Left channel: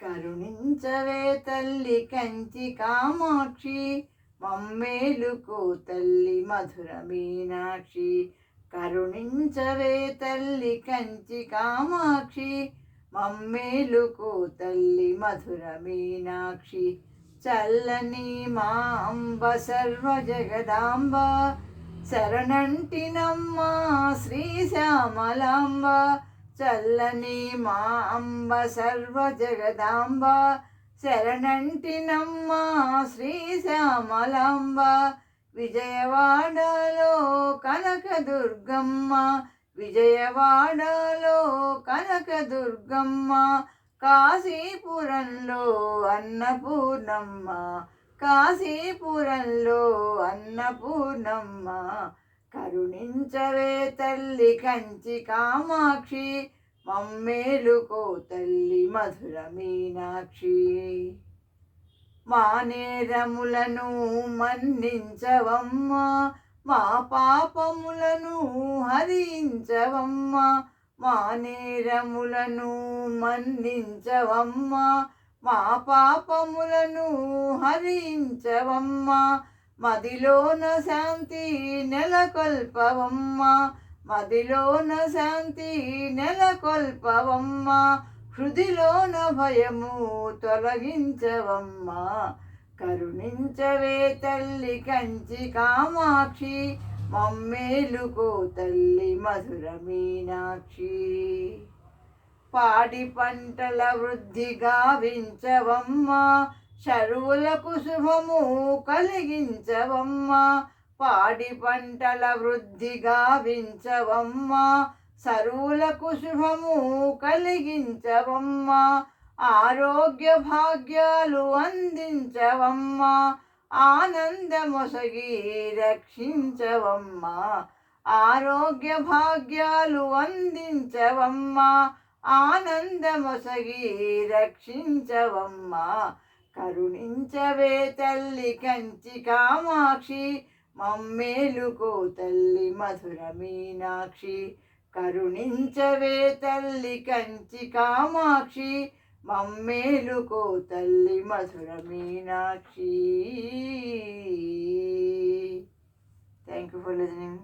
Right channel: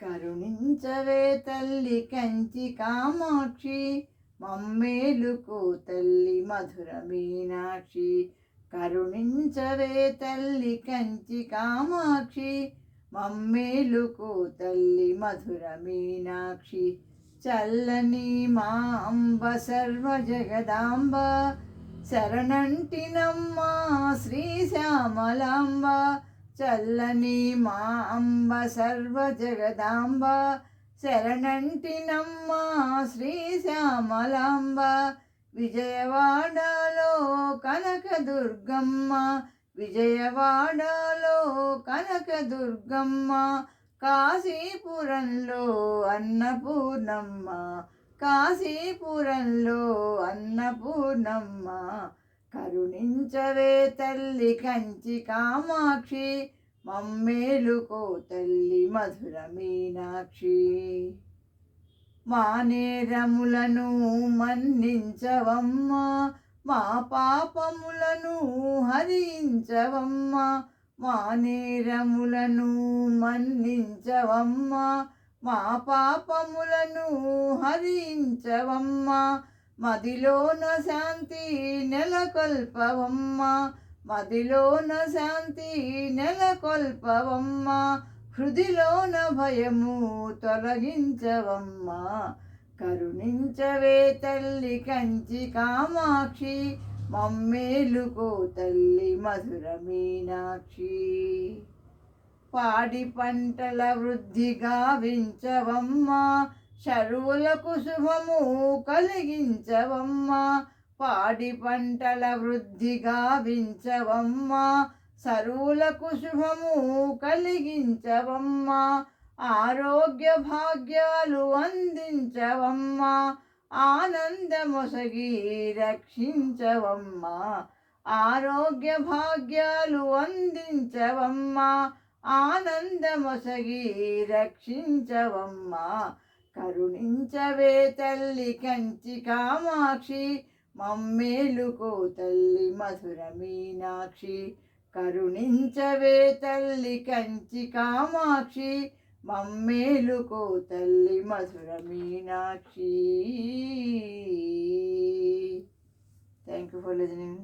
కరుణించవే తల్లి కంచి కామాక్షి, మమ్మేలుకో తల్లి మధుర మీనాక్షి. కరుణించవే తల్లి కంచి కామాక్షి, మమ్మేలుకో తల్లి మధుర మీనాక్షి. చల్లని మా అంబ సర్వ జగదాంబ, శరణంటినమ్మ శ్రీ శ్యామలాంబ. చల్లని మా అంబ సర్వ జగదాంబ, శరణంటినమ్మ శ్రీ శ్యామలాంబ. విజయవాడలో కనకదుర్గమ్మ, విజయవాడలో కనకదుర్గమ్మ. కాశీపురంలో అన్నపూర్ణమ్మ, కాశీపురంలో అన్నపూర్ణమ్మ. కరుణించవే తల్లి కంచి కామాక్షి, మమ్మేలుకో తల్లి మధుర మీనాక్షి. మా నేరములను మన్నించవమ్మ, మా పాపములను హరించవమ్మ. మా నేరములను మన్నించవమ్మ, మా పాపములను హరించవమ్మ. మదిలోన శాంతి నెలకొల్పవమ్మ, మదిలోన శాంతి నెలకొల్పవమ్మ. హృదిలోన భయము తొలగించవమ్మ. కరుణించవే తల్లి కంచి కామాక్షి, మమ్మేలుకో తల్లి మధుర మీనాక్షి. పాడి పంటల వృద్ధి గావించవమ్మ, శరువులకు శుభము కలిగించవమ్మ. పాడి పంటల వృద్ధి గావించవమ్మ, సరువులకు శుభము కలిగించవమ్మ. ఆరోగ్య భాగ్యాలు అందించవమ్మ, ఆనందమొసగి రక్షించవమ్మ. ఆరోగ్య భాగ్యాలు అందించవమ్మ, ఆనందమొసగి రక్షించవమ్మ. కరుణించవే తల్లి కంచి కామాక్షి, మమ్మేలుకో తల్లి మధుర మీనాక్షి. కరుణించవే తల్లి కంచి కామాక్షి, మమ్మేలుకో తల్లి Madhura Meenakshi. Thank you for listening.